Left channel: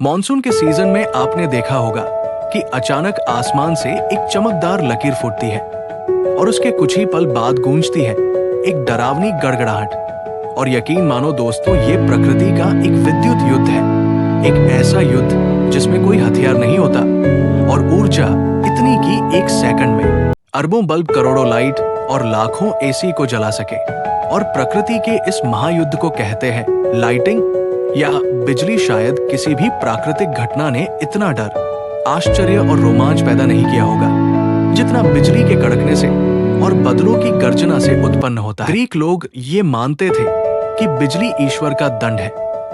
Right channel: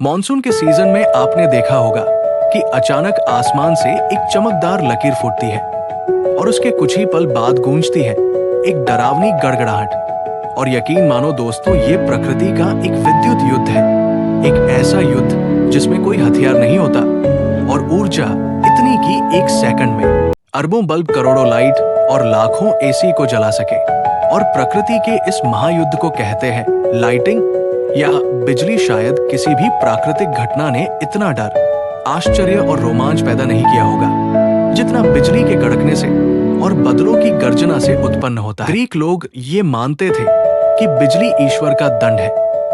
Monsoon के season में आपने देखा होगा कि अचानक आसमान से एक चमकदार लकीर फूटती है और उसके कुछ ही पल बाद गूंजती है एक डरावनी गड़गड़ाहट। और यकीन मानो दोस्तों, ये प्रकृति का एक विद्युत युद्ध है, एक ऐसा युद्ध जिसमें कोई हथियार नहीं होता और ऊर्जा इतनी कि एक सेकंड में अरबों बल्ब, करोड़ों लाइट और लाखों एसी को जला सके। और प्रकृति के इस महायुद्ध को कहते हैं लाइटिंग या बिजली। शायद किसी भी प्राकृतिक घटना ने इतना डर, आश्चर्य और रोमांच पैदा नहीं किया होगा जितना बिजली के कड़कने से और बदलों की गर्जना से उत्पन्न होता है। ग्रीक लोग ये मानते थे कि बिजली ईश्वर का दंड है,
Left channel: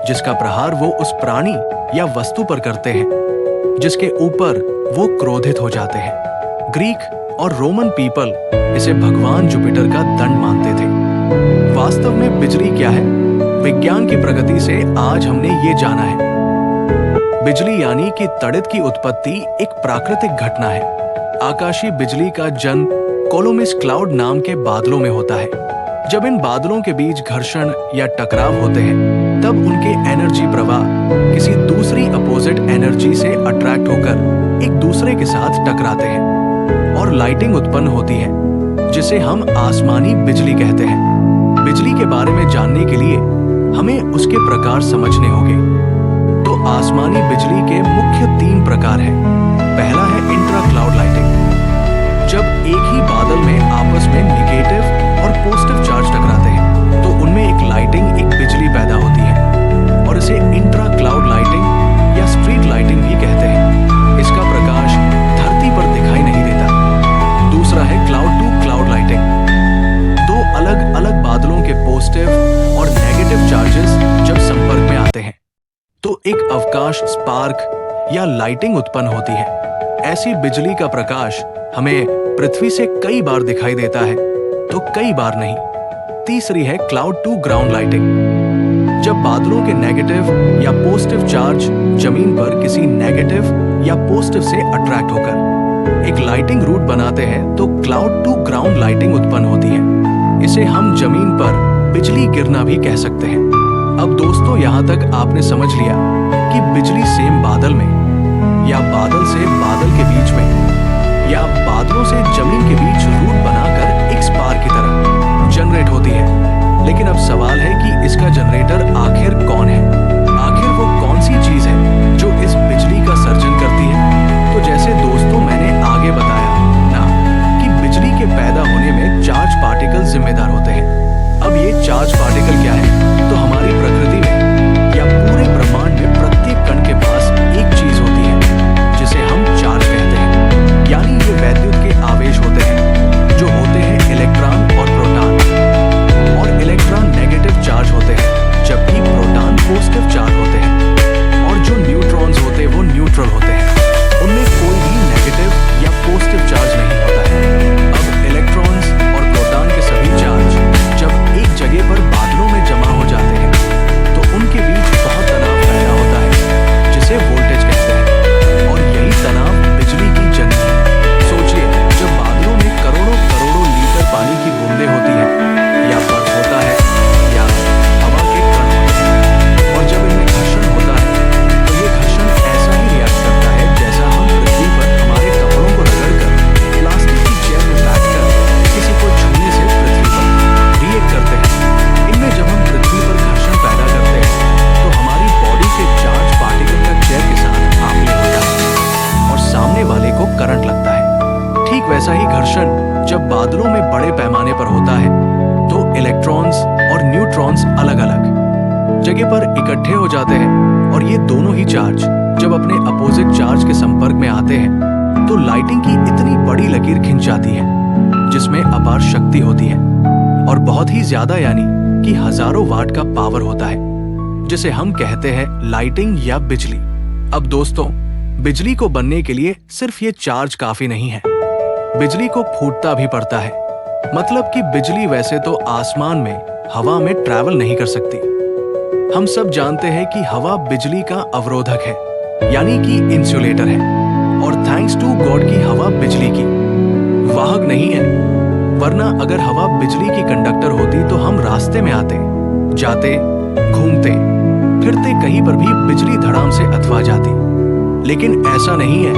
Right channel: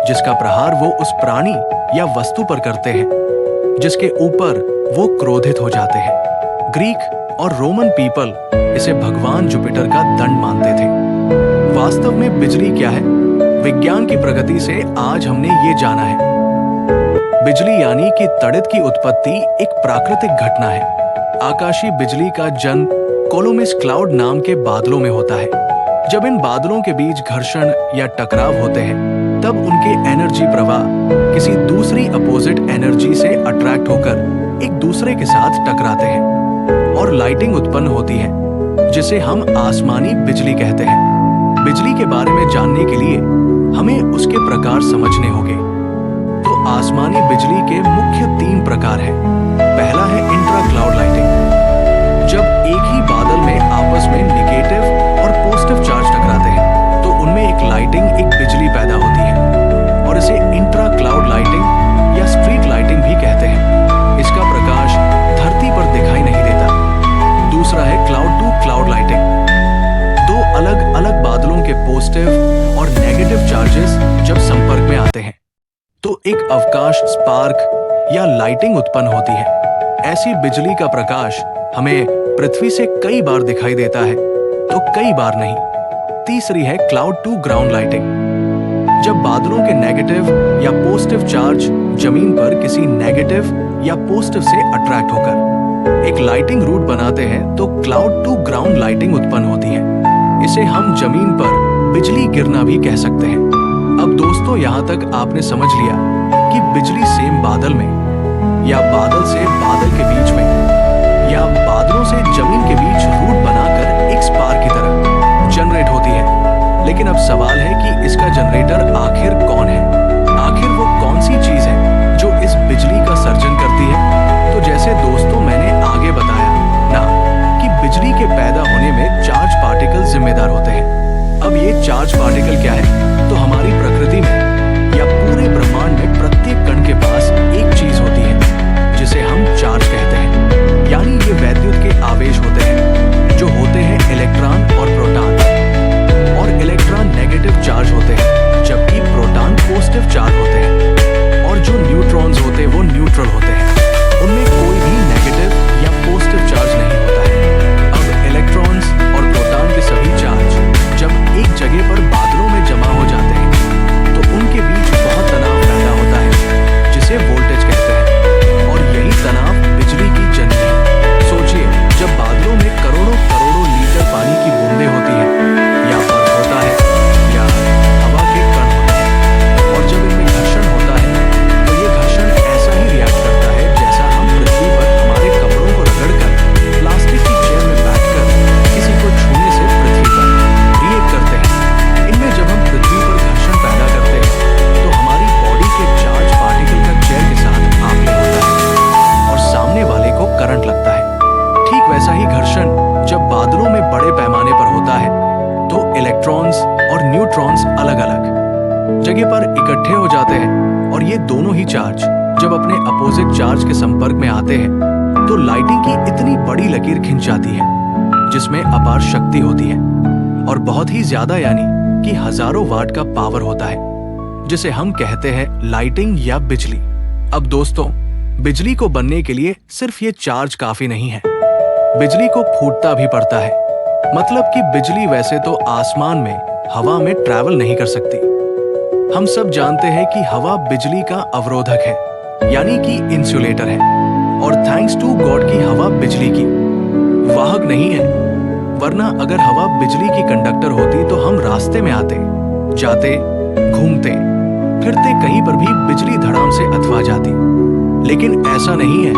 जिसका प्रहार वो उस प्राणी या वस्तु पर करते हैं जिसके ऊपर वो क्रोधित हो जाते हैं। ग्रीक और रोमन पीपल इसे भगवान जुपिटर का दंड मानते थे। वास्तव में बिजली क्या है? विज्ञान की प्रगति से आज हमने ये जाना है। बिजली यानी कि तड़ित की उत्पत्ति एक प्राकृतिक घटना है। आकाशीय बिजली का जन्म कोलोमिस क्लाउड नाम के बादलों में होता है। जब इन बादलों के बीच घर्षण या टकराव होते हैं, तब उनके एनर्जी प्रवाह किसी दूसरी अपोजिट एनर्जी से अट्रैक्ट होकर एक दूसरे के साथ टकराते हैं और लाइटिंग उत्पन्न होती है, जिसे हम आसमानी बिजली कहते हैं। बिजली के बारे में जानने के लिए हमें उसके प्रकार समझने होंगे। तो आसमानी बिजली के मुख्य 3 प्रकार हैं। पहला है इंट्रा क्लाउड लाइटिंग। जब एक ही बादल में आपस में नेगेटिव और पॉजिटिव चार्ज टकराते हैं, तो उनमें एक लाइटिंग, एक बिजली पैदा होती है और इसे इंट्रा क्लाउड लाइटिंग या स्ट्रीट लाइटिंग भी कहते हैं। इसका प्रकाश धरती पर दिखाई नहीं देता। दूसरा है क्लाउड टू क्लाउड लाइटिंग। 2 अलग अलग बादलों के पॉजिटिव और नेगेटिव चार्जेस जब संपर्क में आते हैं, तो एक अवकाश स्पार्क या लाइटिंग उत्पन्न होती है। ऐसी बिजली का प्रकाश हमें पृथ्वी से कई बार दिखाई देता है, तो कई बार नहीं। तीसरी है क्लाउड टू ग्राउंड लाइटिंग। जब बादलों के नेगेटिव या पॉजिटिव चार्ज जमीन पर किसी नेगेटिव या पॉजिटिव से अट्रैक्ट होकर एक लाइटिंग रूट बनाते हैं, तो क्लाउड टू ग्राउंड लाइटिंग उत्पन्न होती है। इसे हम जमीन पर बिजली गिरना भी कह सकते हैं। अब दोस्तों, यहाँ तक आपने समझ लिया कि बिजली सेम बादल में या बादल से बादल के बीच में या बादलों से जमीन के बीच रूट बनाकर एक स्पार्क की तरह जनरेट होती है। लेकिन अब सवाल है कि इसका जनरेटर आखिर कौन है? आखिर वो कौन सी चीज है जो इस बिजली का सर्जन करती है? तो जैसे दोस्तों मैंने आगे बताया ना कि बिजली के पैदा होने में चार्ज पार्टिकल जिम्मेदार होते हैं। अब ये चार्ज पार्टिकल क्या है? तो हमारी प्रकृति में या पूरे ब्रह्मांड में प्रत्येक कण के पास एक चीज होती है जिसे हम चार्ज कहते हैं। यानी ये वैद्युत के आवेश होते हैं जो होते हैं इलेक्ट्रॉन और प्रोटॉन। और इलेक्ट्रॉन नेगेटिव चार्ज होते हैं जबकि प्रोटॉन पॉजिटिव चार्ज होते हैं। और जो न्यूट्रॉन्स होते हैं वो न्यूट्रल होते हैं, उनमें कोई भी नेगेटिव या पॉजिटिव चार्ज नहीं होता है। अब इलेक्ट्रॉन्स और प्रोटॉन के सभी चार्ज जब एक जगह पर बादलों में जमा हो जाते हैं, तो उनके बीच बहुत तनाव पैदा होता है जिसे वोल्टेज कहते हैं। और यही तनाव बिजली की जननी है। सोचिए, जब बादलों में करोड़ों करोड़ों लीटर पानी की बूंदें होती हैं, या बर्फ होता है या हवा के कण होते हैं, और जब इनमें घर्षण होता है, तो ये घर्षण ऐसा ही रिएक्ट करता है जैसा हम पृथ्वी पर हमारे कपड़ों को रगड़कर प्लास्टिक की चेयर में बैठकर किसी को छूने से पृथ्वी पर रिएक्ट करते हैं। इनमें जब हम पृथ्वी पर घर्षण पैदा करते हैं, तो हमारी बॉडी के चार्ज पार्टिकल का चेयर के साथ आपले होता है और सामने वाले को करंट लगता है। ठीक वैसा ही घर्षण जब बादलों में बड़े पैमाने पर होता है, तो इलेक्ट्रॉन्स और न्यूट्रॉन्स अलग अलग जगह पर इकट्ठे हो जाते हैं और ये दोनों ही चार्ज जब अपने अपोजिट चार्ज के संपर्क में आते हैं, तो लाइटिंग की इतनी बड़ी लकीर खिंच जाती है जिसमें अपार शक्ति होती है और बहुत ही ज्यादा, यानी कि हजारों वाट का पावर होता है, जिसे हम कहते हैं लाइटिंग या बिजली। अब दोस्तों, बिजली को बनने के लिए सिर्फ ये चार्ज काफी नहीं है, बिजली को फूटता भी पड़ता है। मतलब कि बिजली वैसे तो आसमान में हवा में ट्रैवल नहीं कर सकती। हम सब जानते हैं कि हवा बिजली का अवरोधक है, यानी कि इंसुलेटर है। और थैंक्स टू गॉड की हवा बिजली की वाहक नहीं है, वरना अगर हवा बिजली की कंडक्टर होती तो हम रास्ते में आते, जाते, घूमते, फिरते कहीं पर भी बिजली धड़ाम से अथवा जाती। लेकिन ऐसा नहीं है।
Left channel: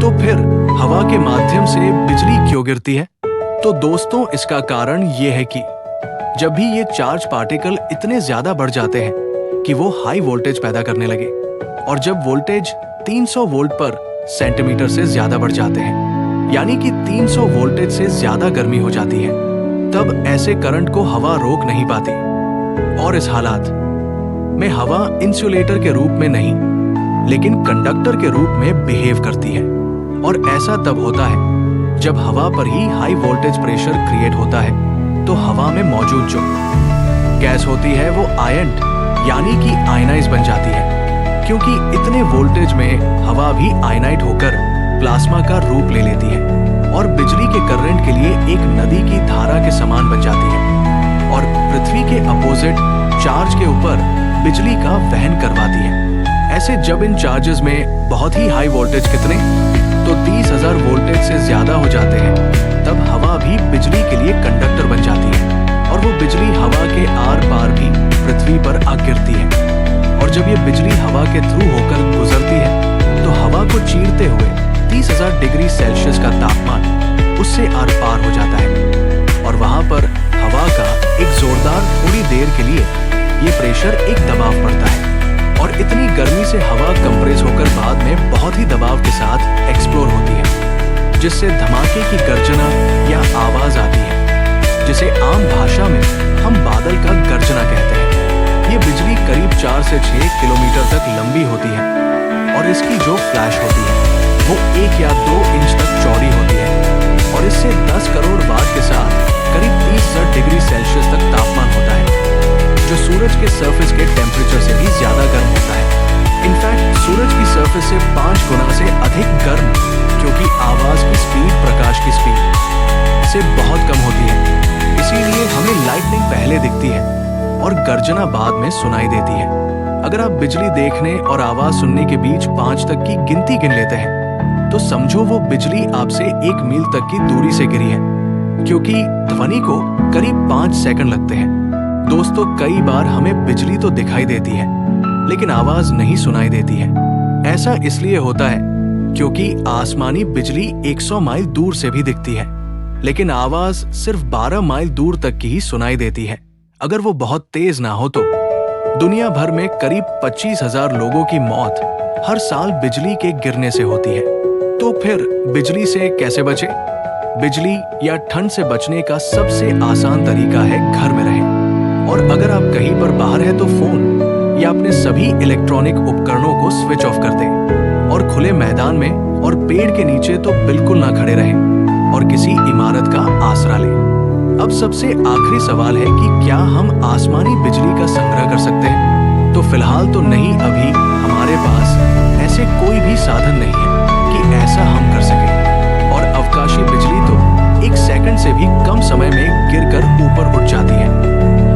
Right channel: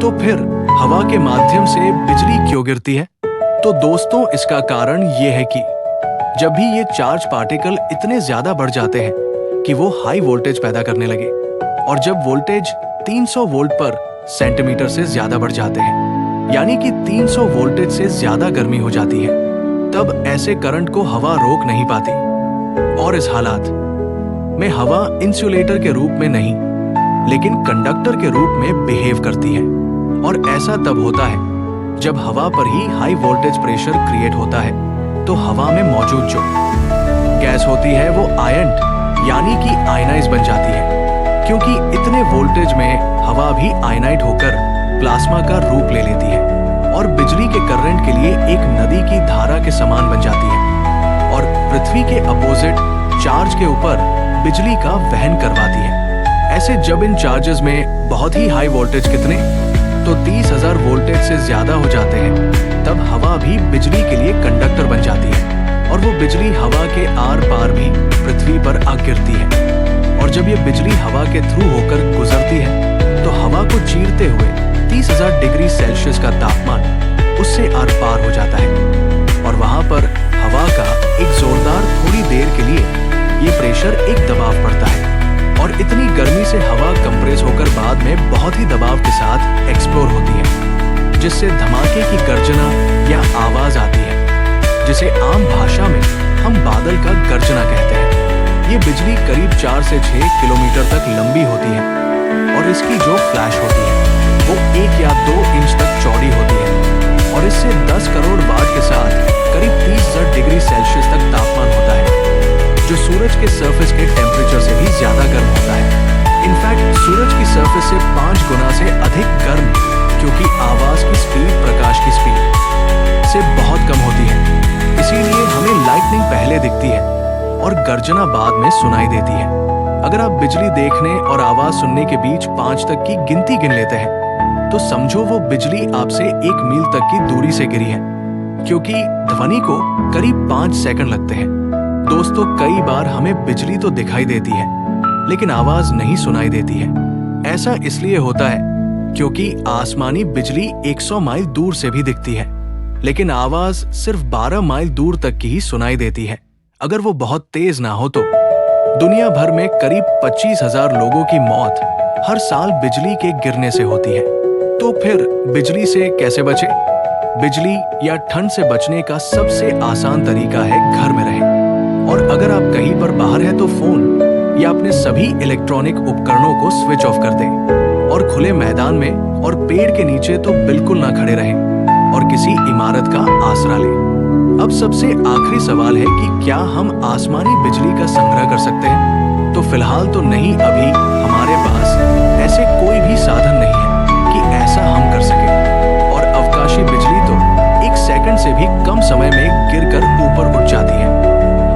तो फिर हवा के माध्यम से बिजली क्यों गिरती है? तो दोस्तों, इसका कारण ये है कि जब भी ये चार्ज पार्टिकल इतने ज्यादा बढ़ जाते हैं कि वो हाई वोल्टेज पैदा करने लगे, और जब वोल्टेज 300 वोल्ट पर सेंटीमीटर से ज्यादा बढ़ जाते हैं, यानी कि 300 वोल्टेज से ज्यादा गर्मी हो जाती है, तब ऐसे करंट को हवा रोक नहीं पाती। और इस हालात में हवा इंसुलेटर के रूप में नहीं, लेकिन कंडक्टर के रूप में बिहेव करती है। और ऐसा तब होता है जब हवा पर ही हाई वोल्टेज प्रेशर क्रिएट होता है। तो हवा में मौजूद जो गैस होती है वो आयंट यानी कि आयनाइज बन जाती है, क्योंकि इतने वोल्टेज में हवा भी आयनाइट होकर प्लाज्मा का रूप ले लेती है और बिजली के करंट के लिए एक नदी की धारा के समान बन जाती है और पृथ्वी के अपोजिट चार्ज के ऊपर बिजली का वहन करवाती है। ऐसे जब इन चार्जेस में बहुत ही हाई वोल्टेज कितने तो 30,000 वोल्टेज से ज्यादा हो जाते हैं, तब हवा भी बिजली के लिए कंडक्टर बन जाती है और वो बिजली हवा के आर पार भी पृथ्वी पर आ गिरती है। और जब ये बिजली हवा के थ्रू होकर गुजरती है तो हवा को चीरते हुए 30,000 डिग्री सेल्सियस का तापमान उससे आर पार हो जाता है और वहां पर हवा का एक जोरदार थोड़ी देर के लिए ये प्रेशर एक दबाव पड़ता है और इतनी गर्मी से हवा कंप्रेस होकर बाद में बहुत ही दबाव के साथ एक्सप्लोर होती है, जिससे धमाके की गर्जना या आवाज आती है, जिसे आम भाषा में हम बादल का गर्जना कहते हैं। ये बिजली करीब 4 से 6 किलोमीटर तक लंबी होती है और इसकी जो फ्लैश होती है वो 1 या 2 इंच तक चौड़ी होती है और इससे 10 करोड़ वाट के साथ करीब 30,000 डिग्री सेल्सियस तक तापमान होता है, जो सूरज के सरफेस के टेम्परेचर से भी ज्यादा गर्म होता है। इनफैक्ट सूरज की सरफेस से 5 गुना से अधिक गर्म, क्योंकि आवाज की स्पीड प्रकाश की स्पीड से बहुत कम होती है। इसीलिए हमें लाइटनिंग पहले दिखती है और गर्जना बाद में सुनाई देती है। अगर आप बिजली देखने और आवाज सुनने के बीच 5 तक की गिनती गिन लेते हैं तो समझो वो बिजली आपसे 1 मील तक की दूरी से गिरी है, क्योंकि ध्वनि को करीब 5 सेकंड लगते हैं। दोस्तों, कई बार हमें बिजली तो दिखाई देती है लेकिन आवाज नहीं सुनाई देती है। ऐसा इसलिए होता है क्योंकि आसमानी बिजली 100 माइल दूर से भी दिखती है, लेकिन आवाज सिर्फ 12 माइल दूर तक की ही सुनाई देती है। अगर वो बहुत तेज ना हो तो दुनिया भर में करीब 25,000 लोगों की मौत हर साल बिजली के गिरने से होती है। तो फिर बिजली से कैसे बचे? बिजली या ठंड से बचने का सबसे आसान तरीका है घर में रहें। और अगर आप कहीं पर बाहर है तो फोन या अपने सभी इलेक्ट्रॉनिक उपकरणों को स्विच ऑफ कर दें और खुले मैदान में और पेड़ के नीचे तो बिल्कुल ना खड़े रहें और किसी इमारत का आसरा लें। अब सबसे आखिरी सवाल है कि क्या हम आसमानी बिजली का संग्रह कर सकते हैं? तो फिलहाल तो नहीं, अभी हमारे पास ऐसे कोई भी साधन नहीं है कि ऐसा हम कर सके। और अवकाशी बिजली तो 1 सेकंड से भी कम समय में गिरकर ऊपर उठ जाती है।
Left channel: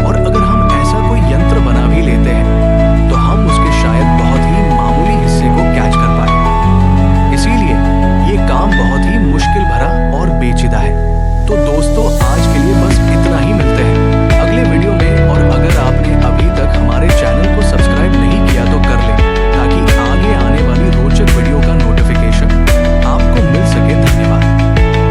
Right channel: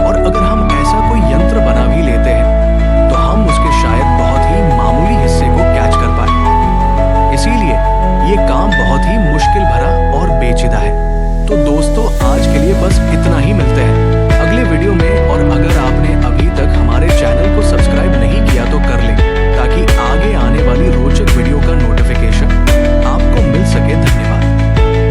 और अगर हम ऐसा कोई यंत्र बना भी लेते हैं तो हम उसके शायद बहुत ही मामूली हिस्से को कैच कर पाए। इसीलिए ये काम बहुत ही मुश्किल भरा और पेचीदा है। तो दोस्तों, आज के लिए बस इतना ही। मिलते हैं अगले वीडियो में। और अगर आपने अभी तक हमारे चैनल को सब्सक्राइब नहीं किया तो कर ले, ताकि आगे आने वाली रोचक वीडियो का नोटिफिकेशन आपको मिल सके। धन्यवाद।